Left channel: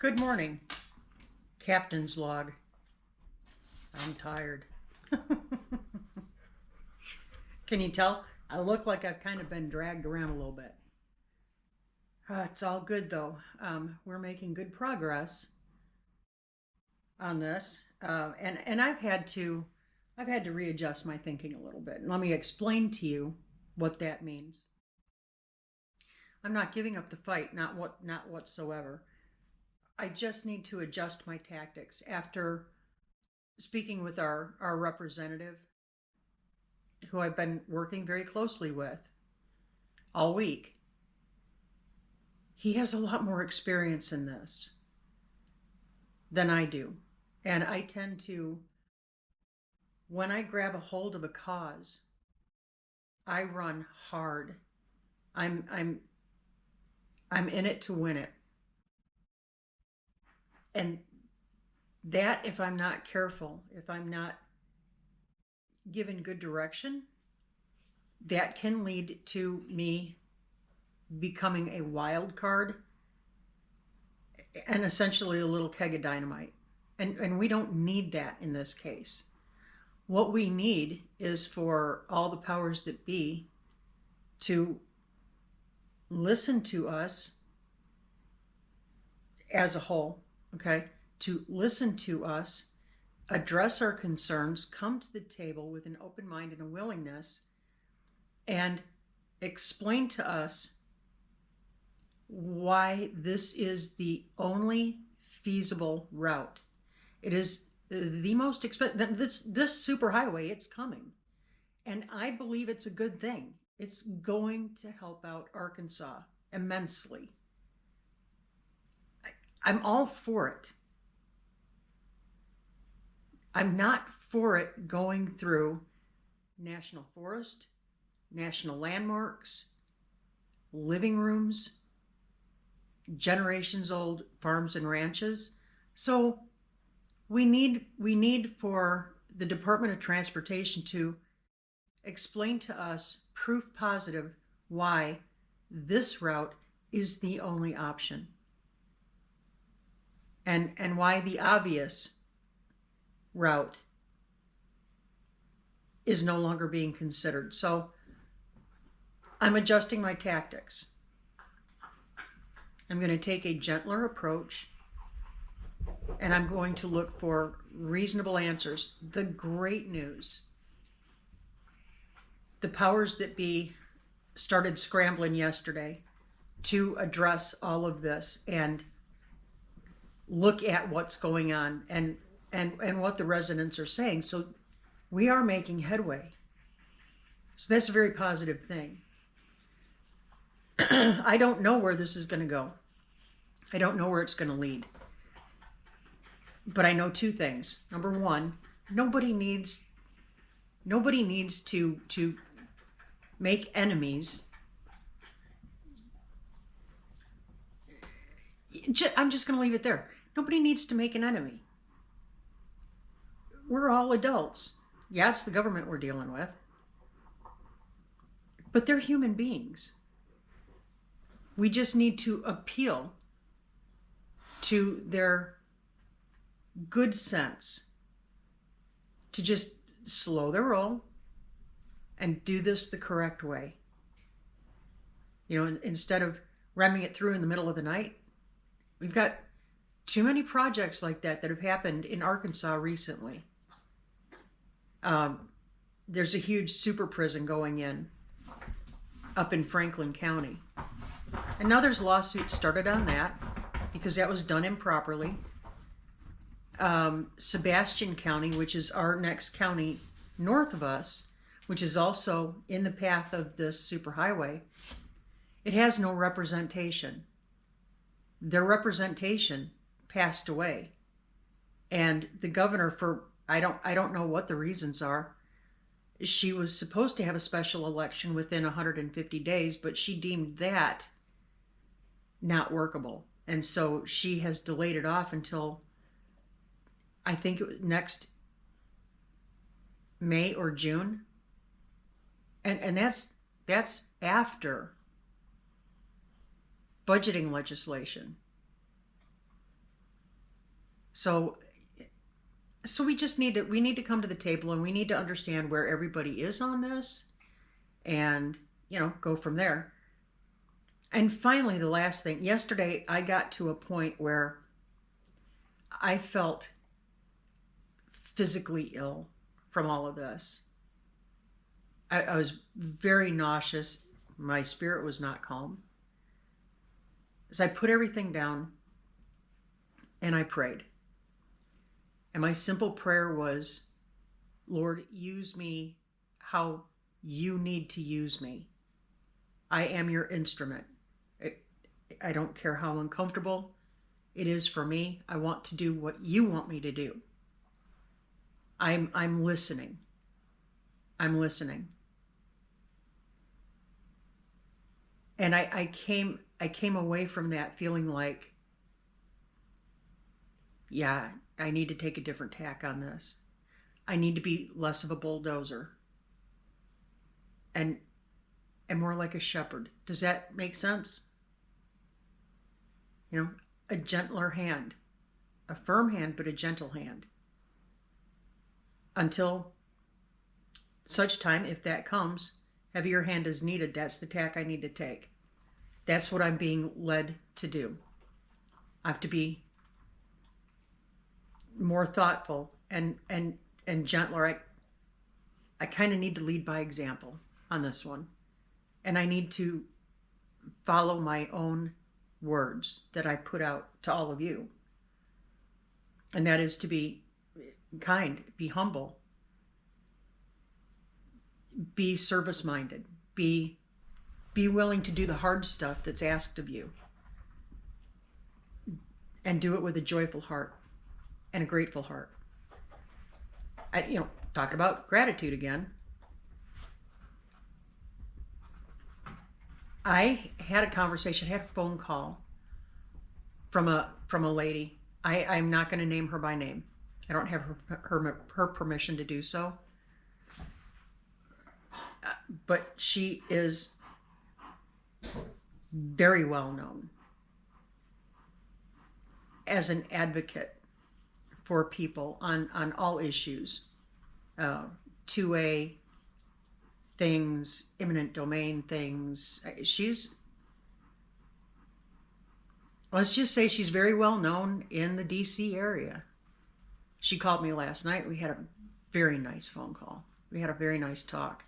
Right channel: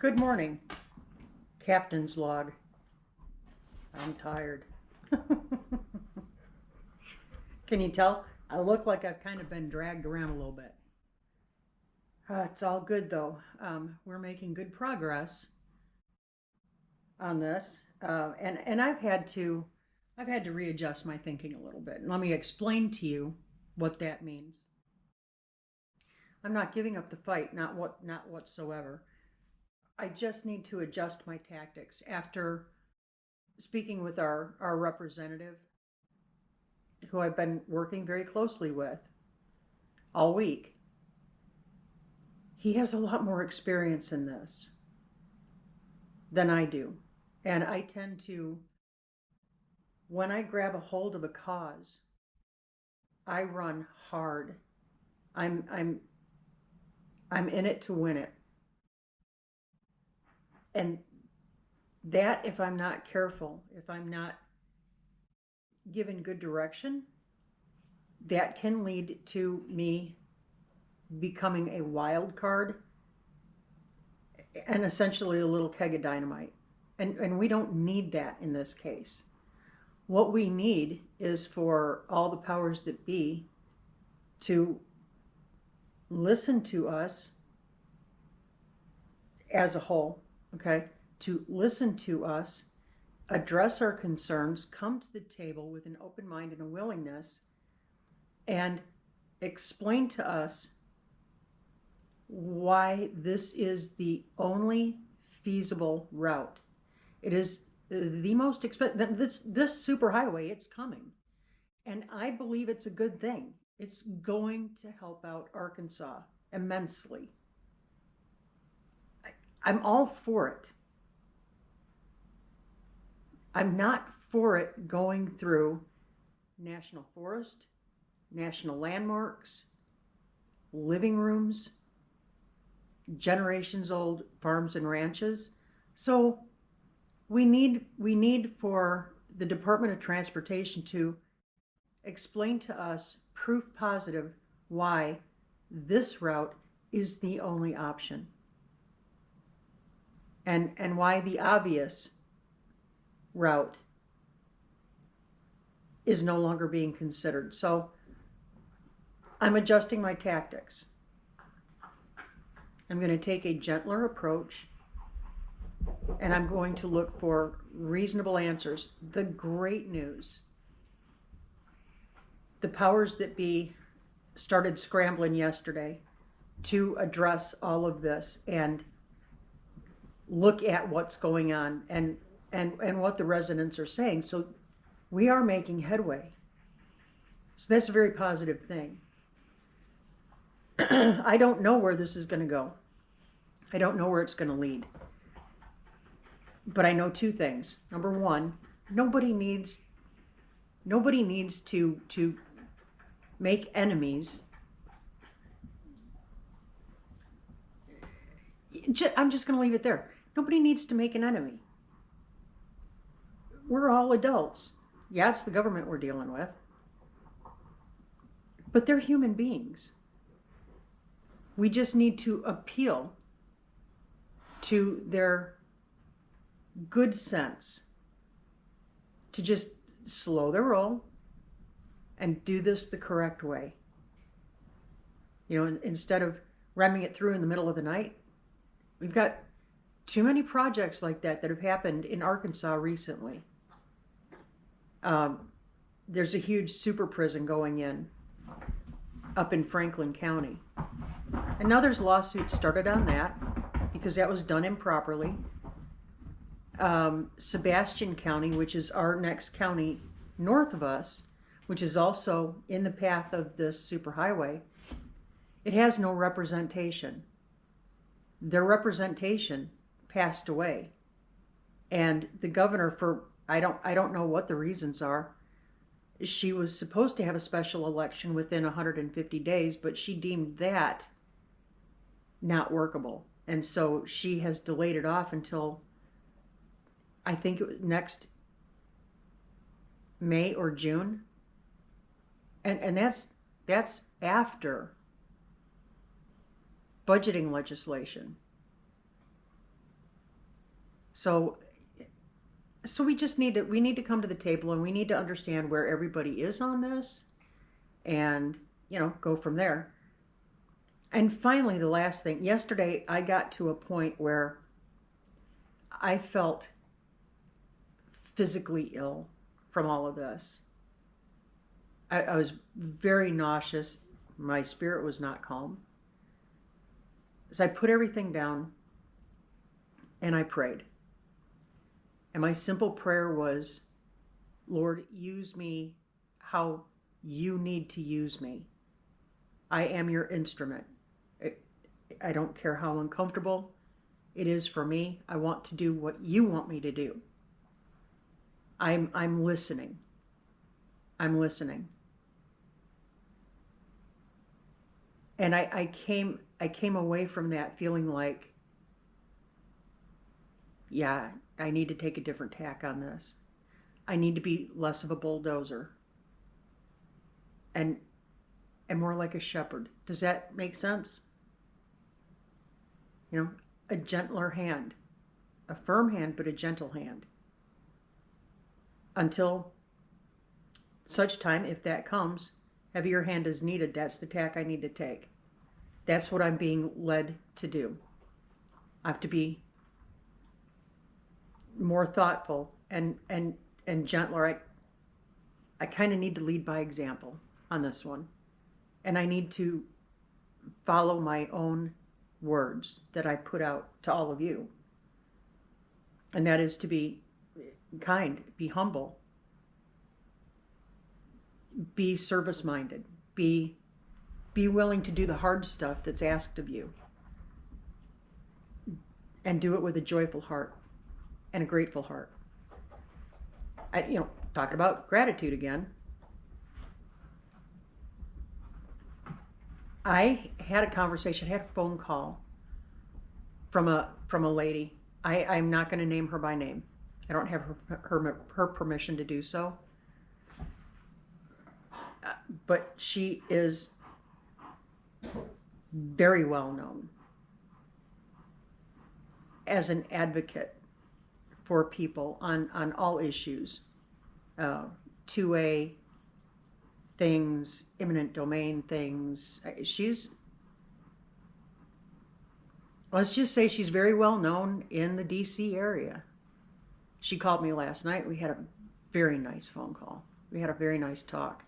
Good morning, Captain's log. I'm tired. Can you tell? I look like I've kind of been dragged around a little bit. It's all good though. We're making good progress on this, and I've had to readjust my thinking a little bit. And let me explain to you what that means. I'm not giving up the fight, not whatsoever. I just need to adjust my tactics after speaking with our representative, who I've been working very closely with all week. He has a lot more experience in this than I do. And I tend to, when I grab a hold of a cause, I run hard. I'm I'm I'm in it to win it. And that, if I'm not careful, if I'm not given good direction, that can lead to me becoming a wild card and essentially a little keg of dynamite. And we don't need that in this case. What we need is for all the powers that be to listen to us as a whole, okay? To listen to us, address our concerns, come to the table with an open mind and a willingness, and explain to us why this is the only feasible route. It is the most expensive. This superhighway, it's coming, and I believe it's a good thing. It's going to help out Arkansas immensely. I'm all for it. I'm not for it going through national forest, national landmarks, living rooms, generations old farms and ranches. So we need for the Department of Transportation to explain to us proof positive why this route is the only option, and why the obvious route is no longer being considered. So I'm adjusting my tactics. I'm going to take a gentler approach, and I'm going to look for reasonable answers. The great news: the powers that be started scrambling yesterday to address all of this and look at what's going on and what the residents are saying. So we are making headway. So that's a very positive thing. I don't know where this is going to go. I don't know where it's going to lead. But I know two things. Number one, nobody needs to make enemies. I'm just going to leave it there. Nobody needs to make an enemy. We're all adults. Yeah, it's the government we're dealing with, but they're human beings. We just need to appeal to their good sense to just slow their roll and do this the correct way. Instead of ramming it through in the middle of the night. We've got too many projects like that have happened in Arkansas recently. There's a huge super prison going in up in Franklin County. And now there's lawsuits started on that because that was done improperly. Sebastian County, which is our next county north of us, which is also in the path of this superhighway, it has no representation. Their representation passed away. And the governor, for I don't know what the reasons are, she was supposed to have a special election within 150 days, but she deemed that not workable. And so she has delayed it off until, I think it was next May or June. And that's after budgeting legislation. So we just need to come to the table, and we need to understand where everybody is on this, and go from there. And finally, the last thing, yesterday I got to a point where I felt physically ill from all of this. I was very nauseous. My spirit was not calm. So I put everything down and I prayed. And my simple prayer was, Lord, use me how you need to use me. I am your instrument. I don't care how uncomfortable it is for me. I want to do what you want me to do. I'm listening. I'm listening. And I came away from that feeling like, yeah, I need to take a different tack on this. I need to be less of a bulldozer and more like a shepherd. Does that make sense? A gentler hand, a firm hand, but a gentle hand. Until such time, if that comes, heavier hand is needed. That's the tack I need to take. That's what I'm being led to do. I have to be more thoughtful and gentler. I kind of need to lead by example on this one. And I need to follow my own words that I put out to all of you. And that is to be kind, be humble, be service-minded, be willing to do the hard stuff that's asked of you, and do it with a joyful heart and a grateful heart. Talking about gratitude again. I had a conversation, had a phone call from a lady. I'm not going to name her by name. I don't have her permission to do so. But she is very well known as an advocate for people on all issues, 2A things, eminent domain things. Let's just say she's very well known in the DC area. She called me last night. We had a very nice phone call. We had a very nice talk.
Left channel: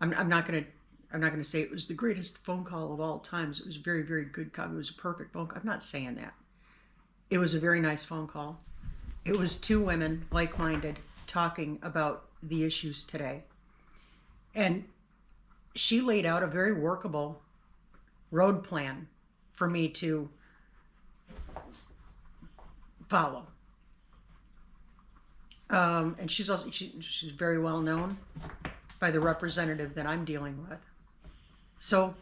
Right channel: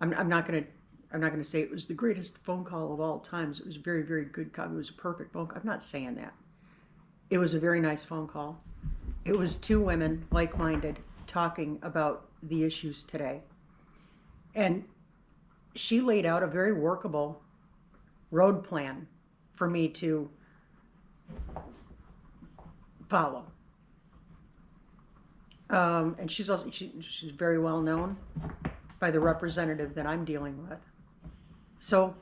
I'm not gonna say it was the greatest phone call of all times. It was a very, very good call. It was a perfect phone call. I'm not saying that. It was a very nice phone call. It was two women, like-minded, talking about the issues today. And she laid out a very workable road plan for me to follow. And she's very well known by the representative that I'm dealing with. So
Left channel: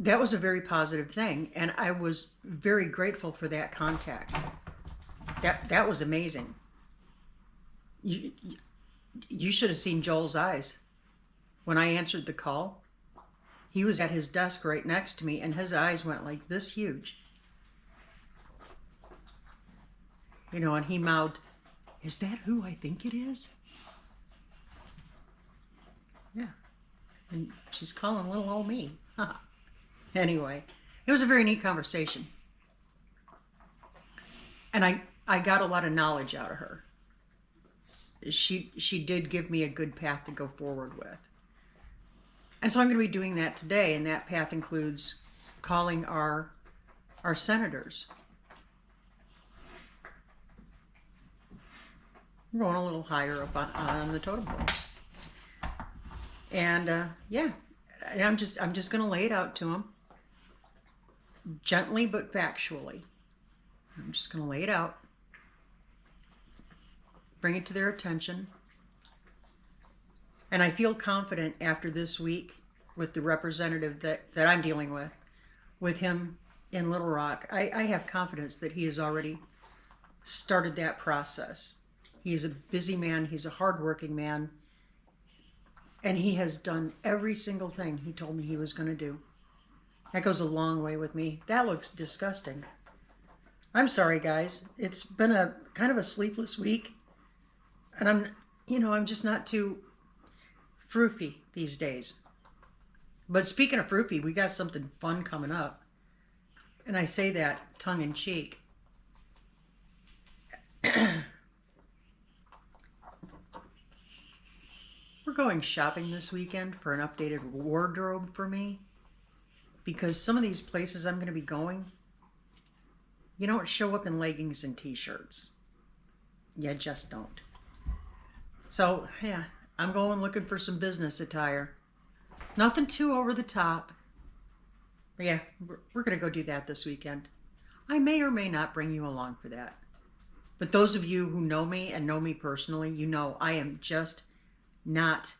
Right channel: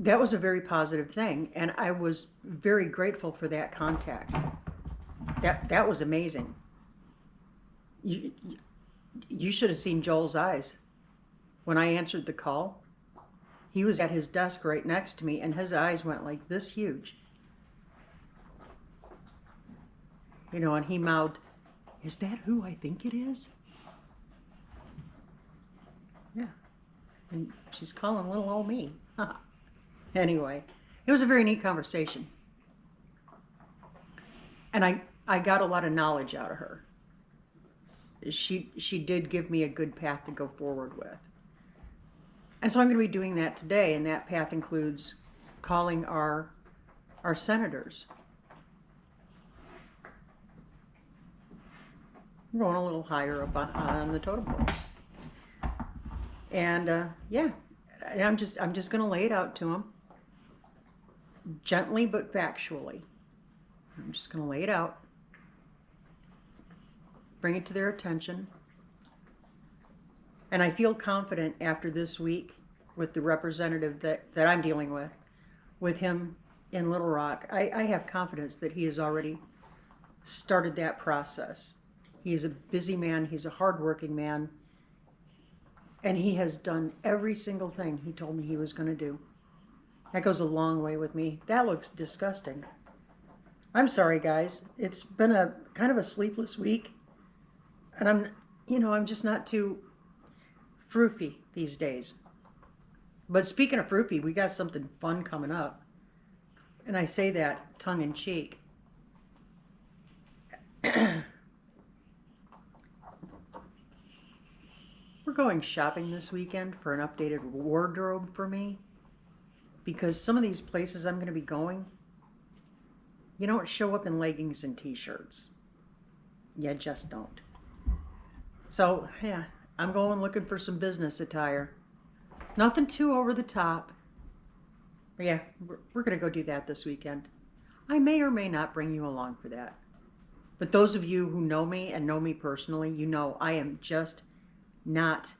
that was a very positive thing, and I was very grateful for that contact. That was amazing. You should have seen Joel's eyes when I answered the call. He was at his desk right next to me, and his eyes went like this huge. And he mouthed, "Is that who I think it is?" Yeah. And she's calling little old me. Anyway, it was a very neat conversation. And I got a lot of knowledge out of her. She did give me a good path to go forward with. And so I'm going to be doing that today, and that path includes calling our senators. I'm going a little higher up on the totem pole. And yeah, I'm just going to lay it out to them, gently but factually. I'm just going to lay it out, bring it to their attention. And I feel confident after this week with the representative that I'm dealing with him in Little Rock. I have confidence that he has already started that process. He is a busy man. He's a hardworking man. And he has done every single thing he told me he was going to do. That goes a long way with me. That looks disgusting. I'm sorry, guys. It's been a kind of a sleepless week, and I'm just not too froofy these days. But speaking of froofy, we got something fun coming up. And I say that tongue in cheek. We're going shopping this weekend for an updated wardrobe for me. Because some of these places I'm going to be going, you don't show up in leggings and t-shirts. You just don't. So, yeah, I'm going looking for some business attire. Nothing too over the top. But yeah, we're going to go do that this weekend. I may or may not bring you along for that. But those of you who know me and know me personally, you know I am just not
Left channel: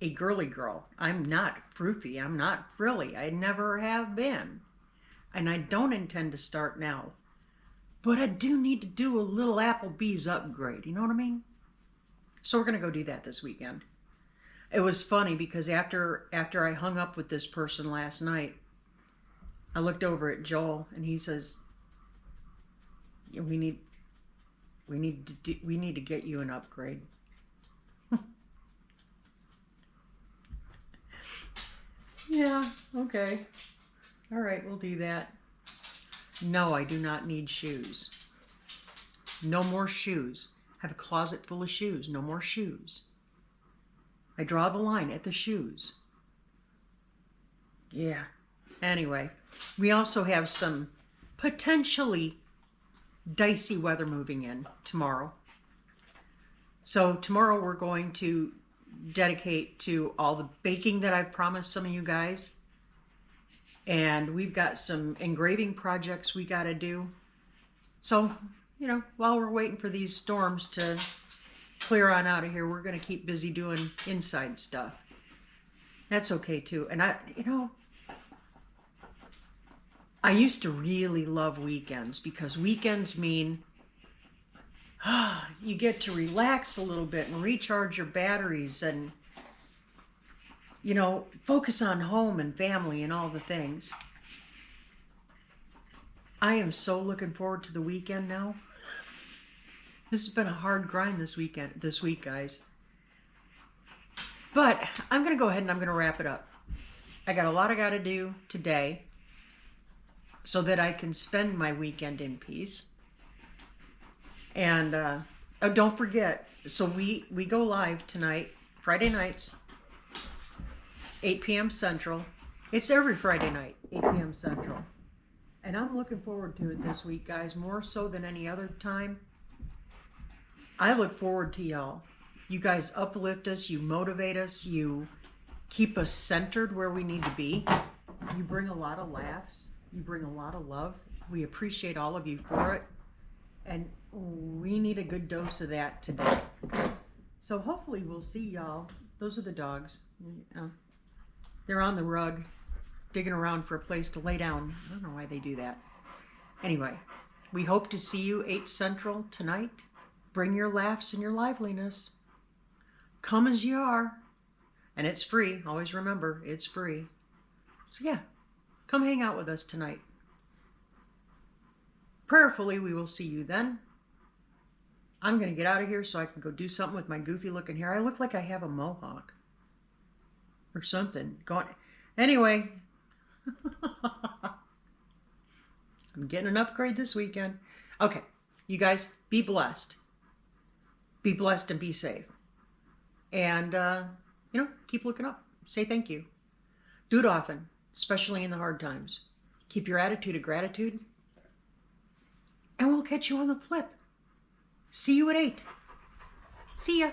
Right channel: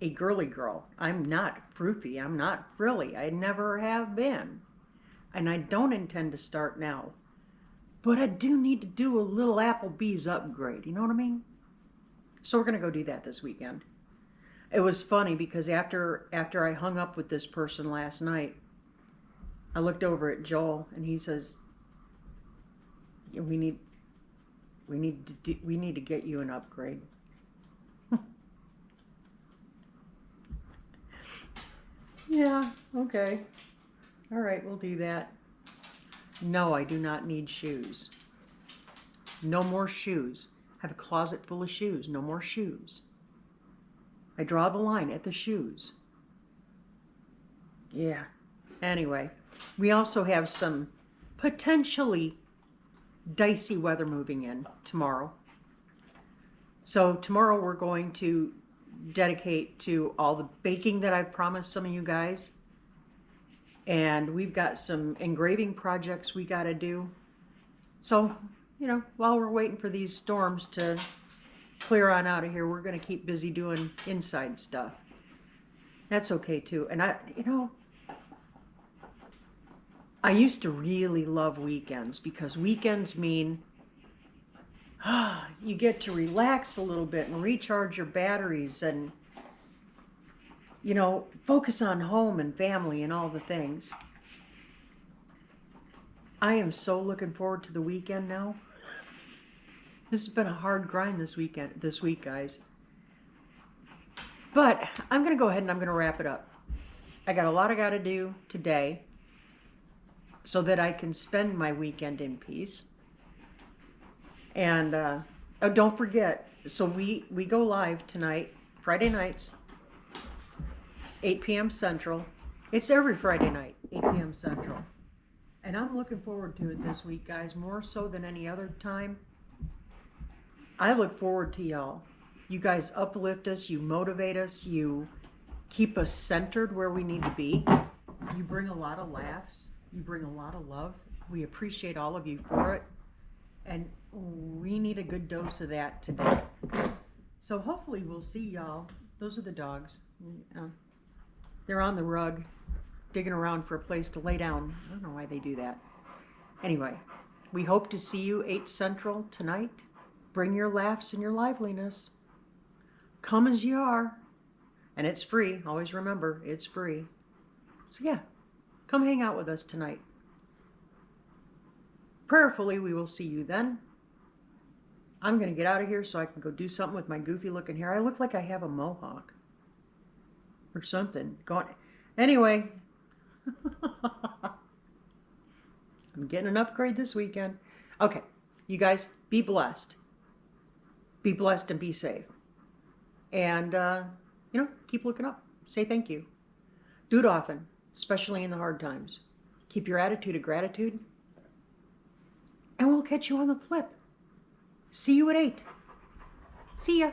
a girly girl. I'm not froofy. I'm not frilly. I never have been. And I don't intend to start now. But I do need to do a little Applebee's upgrade. You know what I mean? So we're going to go do that this weekend. It was funny because after I hung up with this person last night, I looked over at Joel and he says, we need to get you an upgrade. Yeah, okay. All right, we'll do that. No, I do not need shoes. No more shoes. I have a closet full of shoes. No more shoes. I draw the line at the shoes. Yeah. Anyway, we also have some potentially dicey weather moving in tomorrow. So tomorrow we're going to dedicate to all the baking that I've promised some of you guys. And we've got some engraving projects we got to do. So, while we're waiting for these storms to clear on out of here, we're going to keep busy doing inside stuff. That's okay too. And I used to really love weekends because weekends mean you get to relax a little bit and recharge your batteries and, focus on home and family and all the things. I am so looking forward to the weekend now. This has been a hard grind this week, guys. But I'm going to go ahead and I'm going to wrap it up. I got a lot I got to do today so that I can spend my weekend in peace. And don't forget, so we go live tonight, Friday nights, 8 p.m. Central. It's every Friday night, 8 p.m. Central. And I'm looking forward to it this week, guys, more so than any other time. I look forward to y'all. You guys uplift us, you motivate us, you keep us centered where we need to be. You bring a lot of laughs, you bring a lot of love. We appreciate all of you for it. And we need a good dose of that today. So hopefully we'll see y'all. Those are the dogs. They're on the rug, digging around for a place to lay down. I don't know why they do that. Anyway, we hope to see you 8 Central tonight. Bring your laughs and your liveliness. Come as you are. And it's free. Always remember, it's free. So yeah, come hang out with us tonight. Prayerfully, we will see you then. I'm going to get out of here so I can go do something with my goofy looking hair. I look like I have a mohawk or something. Anyway, I'm getting an upgrade this weekend. Okay, you guys, be blessed. Be blessed and be safe. And, keep looking up. Say thank you. Do it often, especially in the hard times. Keep your attitude of gratitude. And we'll catch you on the flip. See you at 8. See ya.